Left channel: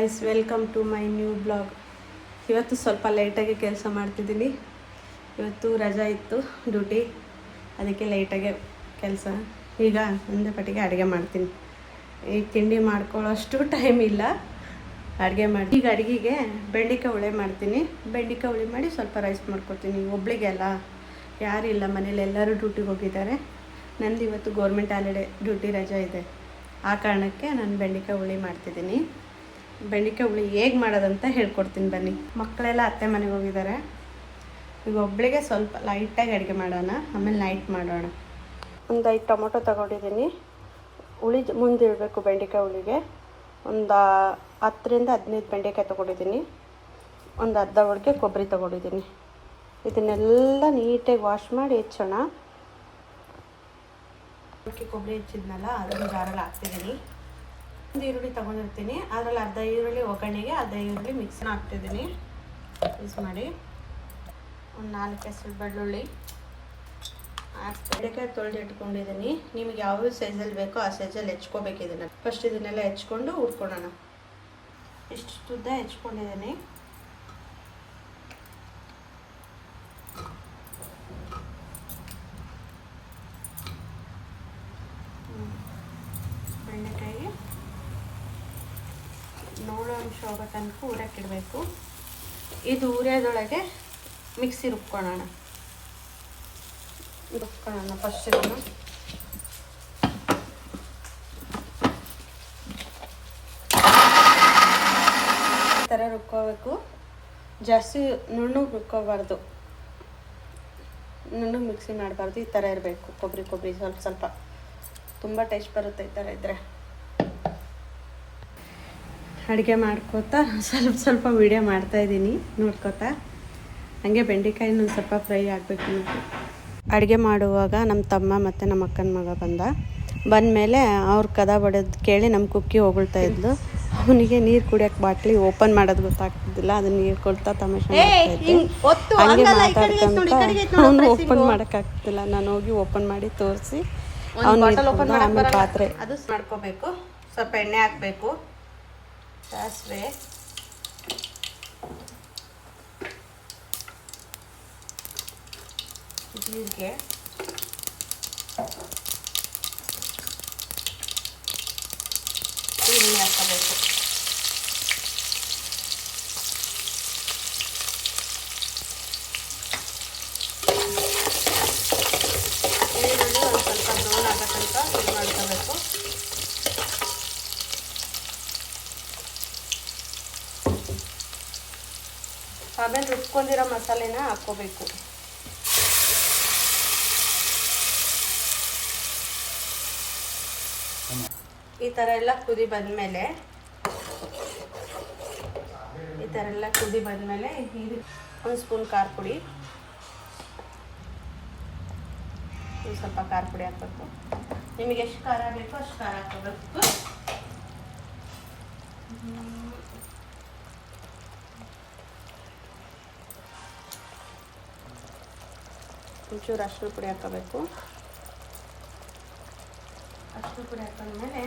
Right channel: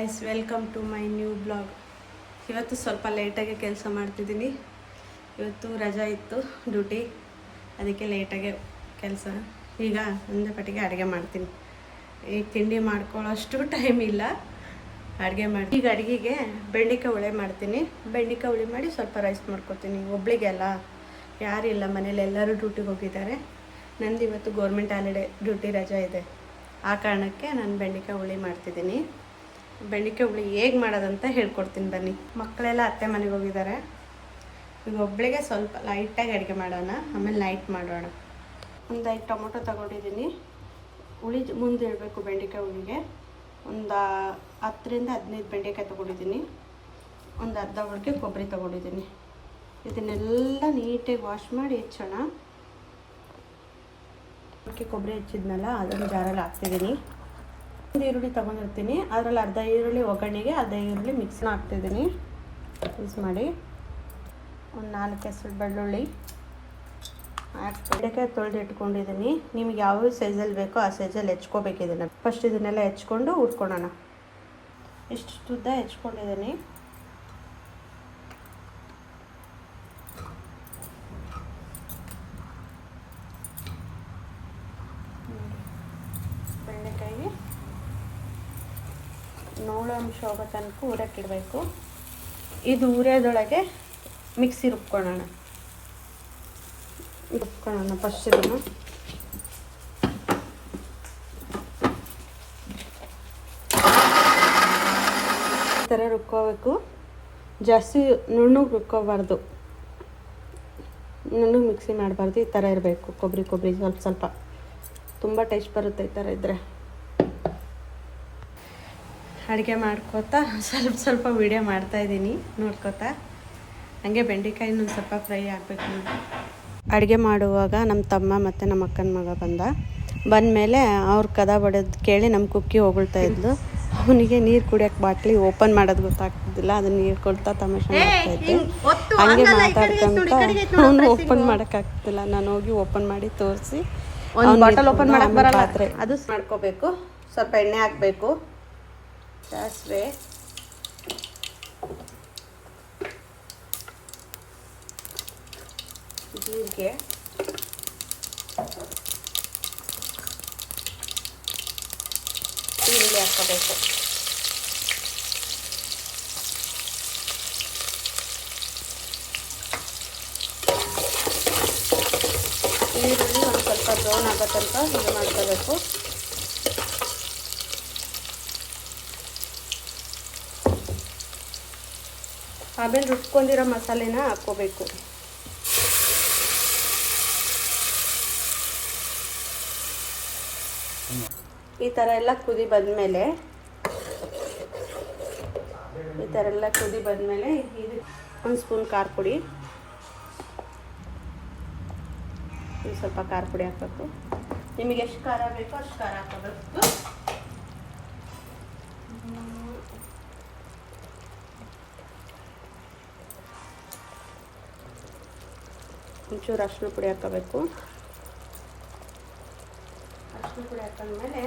Guys, welcome to my new blog. ಇವತ್ತು ಸ್ವಲ್ಪ ಲೇಟಾಗಿ ಕೆಲಸ ಮಾಡ್ತಿದ್ದೀನಿ. ಇವತ್ತು ರಜಾ ಇತ್ತು ಡ್ಯೂಟಿ, ಅದಕ್ಕೆ ಲೇಟಾಗೆ ಕೆಲಸ. ಈಗ ಒಂದೇ ಪಟ್ಟಿಗೆ ಅಡುಗೆ ಮಾಡ್ತೀನಿ. ಈಗ ತಿಂಡಿ ಮಾಡ್ಕೊಳ್ಳೋಷ್ಟು ಟೈಮ್ ಇಲ್ಲ, ಅಡುಗೆ ಮಾಡಿ. ಈಗ ಅಡುಗೆಗೆ ಬೆಂಡೆಕಾಯಿ ಹುಳಿ ಮಾಡ್ತೀನಿ. ಬೆಂಡೆಕಾಯಿ ಹುಳಿ ಮಾಡಿ ಸ್ವಲ್ಪ ರೈಸ್ ಮಾಡ್ಕೊತೀನಿ. ಒಬ್ಳಿಗೆಲ್ಲ ಯಾರಿಲ್ಲ ಮನೇಲಿ, ಎಲ್ಲರೂ ಡ್ಯೂಟಿಗೆ ಹೋಗಿದ್ದಾರೆ. ನಂದು ಇವತ್ತು ಗೌರ್ಮೆಂಟ್ ಹಾಲಿಡೇ, ಡ್ಯೂಟಿ ರಜಾ ಇದೆ. ಆ ಕಾರಣಕ್ಕೆ ನಾನು ಬೆಂಡೆಕಾಯಿ ಹುಳಿ ಮಾಡ್ತಿದ್ದೀನಿ. ಬೆಂಡೆಕಾಯಿ ಹುಳಿ ಹೇಗೆ ಮಾಡೋದಂತ ಹೇಳ್ಕೊಡ್ತೀನಿ ಬನ್ನಿ. ಮಕ್ಕಳೆಲ್ಲ ಅತ್ತೆ ಮನೆಗೆ ಹೋಗಿದ್ದಾರೆ. ಈಗ ಒಬ್ಬಳಿಗೆ ಸ್ವಲ್ಪ ಲೈಟಾಗಿ ಅಡುಗೆ ಮಾಡೋಣ, ಆಮೇಲೆ ನೈಟ್ ಮಾಡೋಣ. ಒಂದು 5 ಟೊಮೊಟೊ ತೊಗೊಂಡಿದ್ದೀನಿ. ಹುಳಿ ಮುಂದೆ ಇಡಬೇಕು. ಬೆಂಡೆಕಾಯಿ ಹುಳಿಗೆ ಒಂದು 10ರಿಂದ 15 ಬೆಂಡೆಕಾಯಿ ತೊಗೊಂಡಿದ್ದೀನಿ. ಒಂದು ಅರ್ಧ ಹೋಳಿಗೆ ಕೊಬ್ಬರಿ ತೊಗೊಂಡಿದ್ದೀನಿ. ಇದನ್ನೆಲ್ಲ ನೀಟಾಗಿ ವಾಶ್ ಮಾಡಿ ಹೆಚ್ಚೋಣ. ಕೊಬ್ಬರಿ ಹೆಚ್ಚಿದ್ನಲ್ಲ, ಅದನ್ನು ಜಾರಲ್ಲಿ ಹಾಕ್ತಿದ್ದೀನಿ. ಒಂದು ಈರುಳ್ಳಿ ತೊಗೊಂಡಿರ್ತೀನಿ, ಅದರಲ್ಲಿ ಅರ್ಧ ಈರುಳ್ಳಿ ಒಗ್ಗರಣೆಗೆ, ಅರ್ಧ ಈರುಳ್ಳಿ ಮಿಕ್ಸ್ನ ಹಾಕ್ತಿದ್ದೀನಿ. ಮಿಕ್ಸ್ ಮಾಡಿ ಒಂದು 4 ಹೆಸರು ಬೆಳ್ಳುಳ್ಳಿ ಬೆಂಡೆಕಾಯಿ ತೊಳೆದು ಇಟ್ಕೊಂಡಿದ್ದೀನಿ. ನಿಮ್ಗೆ ಯಾವ ಸೈಜಲ್ಲಿ ಬೇಕೋ ಆ ಸೈಜಲ್ಲಿ ಹೆಚ್ಕೋಬೇಕು. ಇದನ್ನು ಫಸ್ಟ್ ಇದನ್ನೆಲ್ಲ ಹೆಚ್ಕೊಂಡು ಹುರ್ಕೊಳ್ಳೋಣ. ಇಷ್ಟು ಉದ್ದ ಹೆಚ್ಕೊಂಡಿದ್ದೀನಿ. ಬೆಂಡೆಕಾಯಿಗೆ ನೋಡೋ ಅಂಶ ಹೋಗೋ ತನಕ ಹುರಿಯಕ್ಕಿಡಬೇಕು. ಇದು ಹುರಿಯೋದೊಳಗೆ ಮಿಕ್ಸಿ ರುಬ್ಕೊಳ್ಳೋಣ. ಫಸ್ಟ್ ಇದನ್ನು ಈ ಥರ ರುಬ್ಕೋಬೇಕು. ಜಾಸ್ತಿ ನುಣ್ಣಗೆ ರುಬ್ಕೋಬಾರ್ದು, ನುಣ್ಣಗೆ ಮಿಕ್ಸಿ ಮಾಡಬಾರ್ದು. ಈ ಥರ ಇರಬೇಕು. ಕೊಬ್ಬರಿ ಸ್ವಲ್ಪ ತುಂಬ ಟೇಸ್ಟ್ ಬರುತ್ತೆ ಈ ಥರ ಇದ್ದರೆ. ಅಡುಗೆ ಮಾಡ್ಕೋತಾ ಸ್ವಲ್ಪ ವೀಡಿಯೋ ಮಾಡ್ತಾಯಿದ್ದೀನಿ, ನೋಡ್ಕೋತಾ. ಹಾಗೆ ಬೆಂಡೆಕಾಯಿ ಒಂದು ಸ್ವಲ್ಪ ಫ್ರೈ ಆಗಬೇಕು. ಅಡುಗೆ ಮಾಡುವಾಗ ನಮ್ಮ ತಮ್ಮ ಮತ್ತು ನಮ್ಮ ಅಕ್ಕನ ಮಗ ಬಂದಮೇಲೆ ಅವ್ರು ಕದ ಬಡೋದು ಕೇಳಿ ನಮ್ಮ ಕುಕ್ಕಿ ಹೊಗಳ್ತಾ ಇದ್ಲು. ಅವನಿಗೆ ನೀರು ಕುಡಿಯೋಕ್ಕೆ ಬಾಟ್ಲಿ ಓಪನ್ ಮಾಡೋದು ಗೊತ್ತಾಗ್ತಿದ್ದಿಲ್ಲ. ಅದನ್ನ ನೀರು ಕೊಡ್ತಾ ತಮಾಷೆ ಮಾಡ್ತಾಯಿದ್ದೆ. ಹಂಗೆ ಮಾತಾಡ್ಕೊಂತ ಅವನು ಓಪನ್ ಮಾಡೋಕ್ಕಾಗ್ತಿಲ್ಲ. ನಾನು ಹೋಗಿ ಓಪನ್ ಮಾಡಿ ತೋರಿಸಿ ಅವ್ನು ನೀರು ಕುಡ್ದ. ಆಮೇಲೆ ಪಾತ್ರೆ ಅದು ಮಾಡ್ಕೋಬೇಕು. ಸ್ವಲ್ಪ ಎಣ್ಣೆ ಹಾಕಬೇಕು, ಸಾಸಿವೆ, ಜೀರಿಗೆ, ಈರುಳ್ಳಿ ಹಾಕಬೇಕು. ಸ್ವಲ್ಪ ಬ್ರೌನ್ ಆಗೋ ತನಕ ಇದು ಮಾಡ್ಕೋಬೇಕು. ಆಮೇಲೆ ರುಬ್ಕೊಂಡಿರೋ ಮಸಾಲೆನ ಹಾಕ್ಕೋಬೇಕು. ಈ ಥರ ಎಲ್ಲ ಕುದಿ ಬಂದಮೇಲೆ ಒಂದು ಸ್ಪೂನ್ ಖಾರ ಪುಡಿ, ಸ್ವಲ್ಪ ಖಾರ ಪುಡಿ ಹಾಕಬೇಕು. ನಿಮಗೆ ಎಷ್ಟು ಖಾರ ಬೇಕೋ ಅಷ್ಟು ಖಾರ ಹಾಕೋಬೇಕು. ಒಂಚೂರು ಅರಿಶಿನ ಪುಡಿ ಹಾಕೋಬೇಕು. ಅರಿಶಿನ ಪುಡಿ ಹಾಕೊಂಡ್ಮೇಲೆ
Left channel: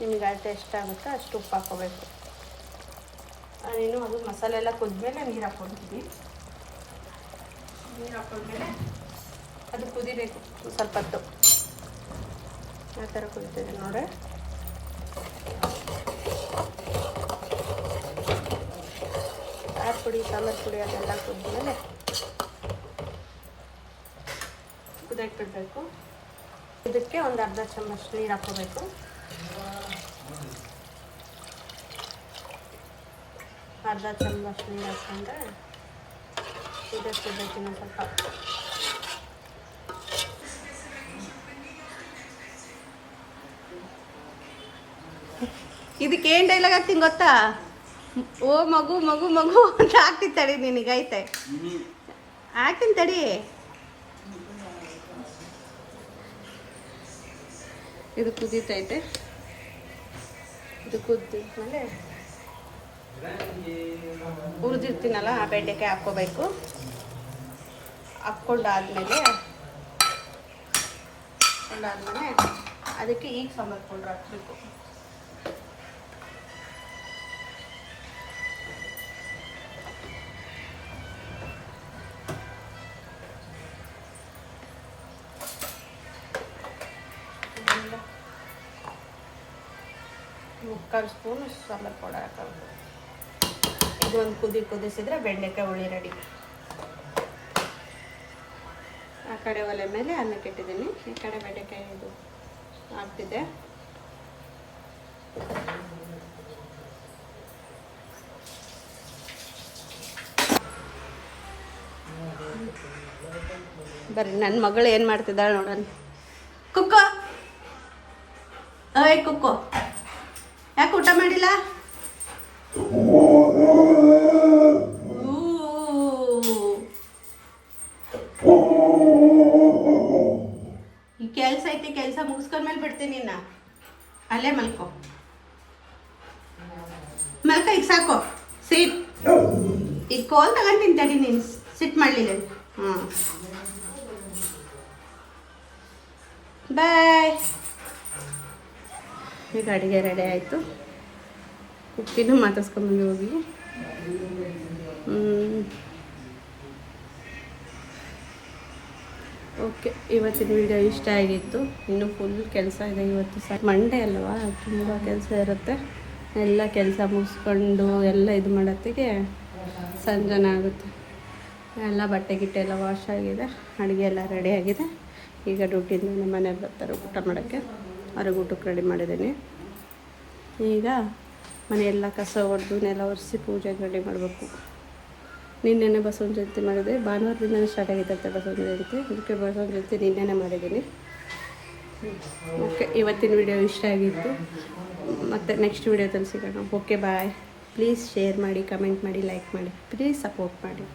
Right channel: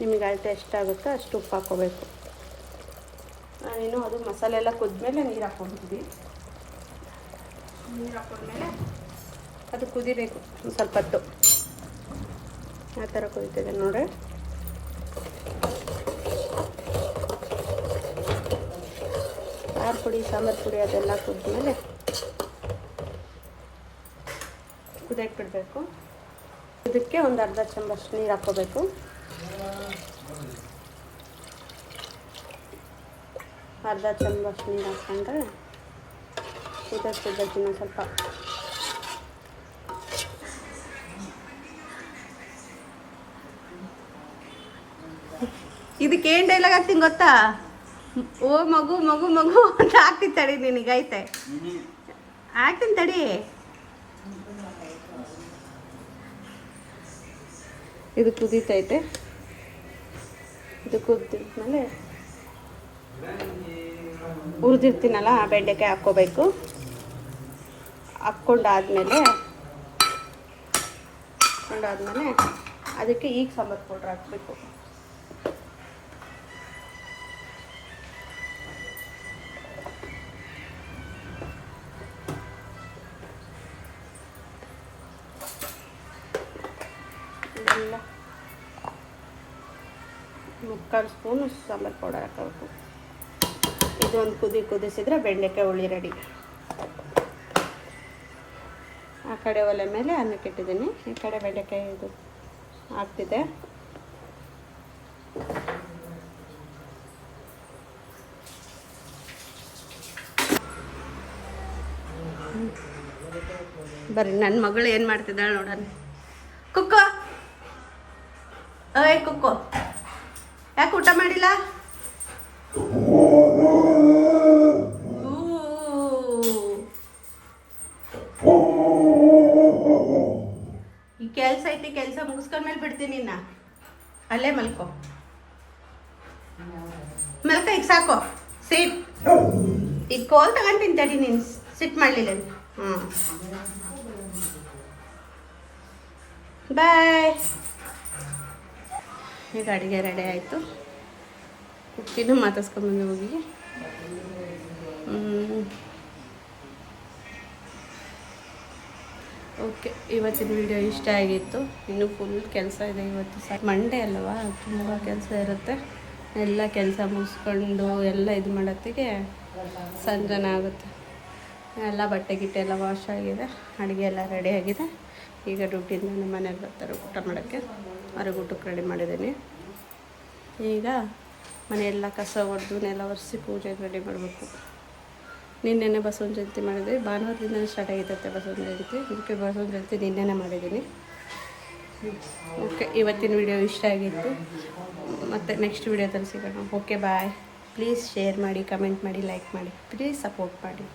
ನಿಮಗೆ ಅಳತೆ ಎಷ್ಟಾಗುತ್ತೋ ಅಷ್ಟು ಉಪ್ಪು ಹಾಕೋಬೇಕು. ನಾನೇನು ಅದು ಮಸಾಲೆ ಎಲ್ಲ ಕುದ್ಮೇಲೆ ನೀರು ಹಾಕ್ಕೊಳ್ತೀವಿ. ನೀರು ಹಾಕೊಂಡ್ಮೇಲೆ ಅದು ಕುದಿಬೇಕು ಸ್ವಲ್ಪ ಹೊತ್ತು. ಆ ಥರ ಕುದಿತಿದೆ ನೋಡಿ. ಪುಡಿ, ಸಾಂಬಾರು ಪುಡಿ ಅದೆಲ್ಲ ಕುದ್ಮೇಲೆ ಕುದಿಯಕ್ಕಿಡಬೇಕು. ಇದಕ್ಕೆ ಒಂದು ಅರ್ಧ ಚಮಚ ನೀರು ಹಾಕ್ಕೋಬೇಕು. ಅರ್ಧ ಚಮಚ ನೀರು ಹಾಕ್ಕೊಂಡ್ರೆ ಇದಕ್ಕೆ ಸ್ವಲ್ಪ ಇದಕ್ಕೆ ಏನು ಡೈಲಾಗ್ ಹಾಕ್ತೀನಿ ಗೊತ್ತಾ? ಓ ಮಗು ಮಗು ಮಗು ಅಂತ ಹಾಕ್ತೀನಿ ತಡಿ. ನಿನಗೆ ಐತೆ ಹಾಕ್ತೀನಿ ತಡಿ. ಇದು ಕುದೀತೈತೆ. ಇದು ಕುದ್ಮೇಲೆ ಹುರಿದಿರ್ತೀನಲ್ಲ ಆ ಬೆಂಡೆಕಾಯಿ ಹಾಕ್ಕೋಬೇಕು. ಹಾಕ್ಕೊಂಡಾದ್ಮೇಲೆ ಮಾಡ್ಕೊಂಡಾದ್ಮೇಲೆ ಅದಕ್ಕೆ ಈಗ ಸಾಂಬಾರು ಪೌಡ್ರ್ ಹಾಕಬೇಕು. ಮುಕ್ಕಾಲು ಸ್ಪೂನು ಸಾಂಬಾರು ಪೌಡರ್ ಹಾಕಬೇಕು. ಇದೊಂದು ಕುದಿಸಿದ್ರೆ ಬೆಂಡೆಕಾಯಿ ಹುಳಿ ರೆಡಿ. ಆ ಕಡೆ ಒಲೆ ಮೇಲೆ ಅನ್ನಕ್ಕೆ ಇಟ್ಟಿದ್ದೀನಿ, ಈ ಕಡೆ ಬೆಂಡೆಕಾಯಿ ಇದು ಆಗ್ತಿದೆ. ಬರ್ರಿ ನನ್ನ ಮಗಳು ಏನು ಮಾಡ್ತಿದ್ದಾಳೆ ನೋಡೋಣ. ಕುಕ್ಕೋ, ಏಯ್ ಕುಕ್ಕೋ, ಯಾಕೆ ಊಟ ಮಾಡಿಲ್ಲ? ಈ ಕೆಲಸ ಐತಿ, ಕೆಲಸ ಮುಗಿಸ್ಕೊಂಡ್ಮೇಲೆ ಬಿಡ್ತೀನಿ ನಿನ್ನ. ಅಲ್ಲೇ ಮಲ್ಕೋ, ಈಗ ಸಾಕು. ಸಿಟ್, ಈಗ ಕೋಲ್ ತಗೊಂಡು ತಿಂತಾಡಿ ನೀನು. ಸಿಟ್ ಮಾಡಲಿಲ್ಲ. ಹಾಂ, ಬಾಯ್. ಈಗ ಅಡುಗೆ ರೆಡಿ ಆಯಿತು. ಕುಕ್ಕಿನೂ ಮಾತಾಡ್ಸ್ಕೊಂಬಂದು ಹೋಗಿ. ಓಕೆ, ಇವತ್ತಿನ ವಿಡಿಯೋ ಇಷ್ಟ ಆಗಿತ್ತು. ಇನ್ನೂ ಫುಲ್ ಕೆಲಸ ಇದೆ. ಇವತ್ತು ಮಂಡೇ ಅಲ್ವಾ, ತುಂಬ ಕೆಲಸ ಇರುತ್ತೆ. ಎಲ್ಲ ಕೆಲಸ ಮುಗಿಸ್ಕೊಂಡು ಎಲ್ಲ ಇದು ಮಾಡೋತ್ತಿಗೆ ಸಂಜೆನೇ ಆಗುತ್ತೆ. ಎಲ್ಲ ಬಟ್ಟೆ ಗಿಟ್ಟೆ ಎಲ್ಲ ವಾಶ್ ಆಗಿದೆ, ಅಡುಗೆ ಎಲ್ಲ ರೆಡಿ ಆಗಿದೆ. ಈಗ ಡ್ಯೂಟಿಯಿಂದ ನಮ್ಮ ಮನೇಲಿ ಬರ್ತಾರೆ ಊಟ ಮಾಡೋಕ್ಕೆ. ಅವ್ರಿಗೆ ಊಟಕ್ಕೆ ರೆಡಿ ಮಾಡಿದ್ದೀನಿ. ಈಗ ಮನೆಯೆಲ್ಲ ಕಸ ಹೊಡೆದು ನೆಲ ಒರೆಸಿ ಪೂಜೆಗೆ ರೆಡಿ ಮಾಡಬೇಕು. ನಿನ್ನೆನೆ ಬಸವನ ಜಯಂತಿ ಮಾಡಿದೆ. ಭಾನುವಾರದಿಂದನೇ ಸ್ಟಾರ್ಟ್ ಆಗಿರುತ್ತೆ ಬಸವನ ಜಯಂತಿ. ಅದಕ್ಕೆ ಬಸವನ ಜಯಂತಿ ನಿನ್ನೆನೇ ಮಾಡಿದ್ದೀನಿ. ಓಕೆ, ಇವತ್ತಿನ ವಿಡಿಯೋ ಇಷ್ಟ ಆಗಿತ್ತು. ಮತ್ತು ನೆಕ್ಸ್ಟ್ ವಿಡಿಯೋದಲ್ಲಿ ಸಿಗೋಣ. Okay, bye. ಪ್ಲೀಸ್ ಶೇರ್ ಮಾಡಿ, ಕಮೆಂಟ್ ಮಾಡಿ, ಲೈಕ್ ಮಾಡಿ, ಪ್ಲೀಸ್ ಸಪೋರ್ಟ್ ಮಾಡಿ.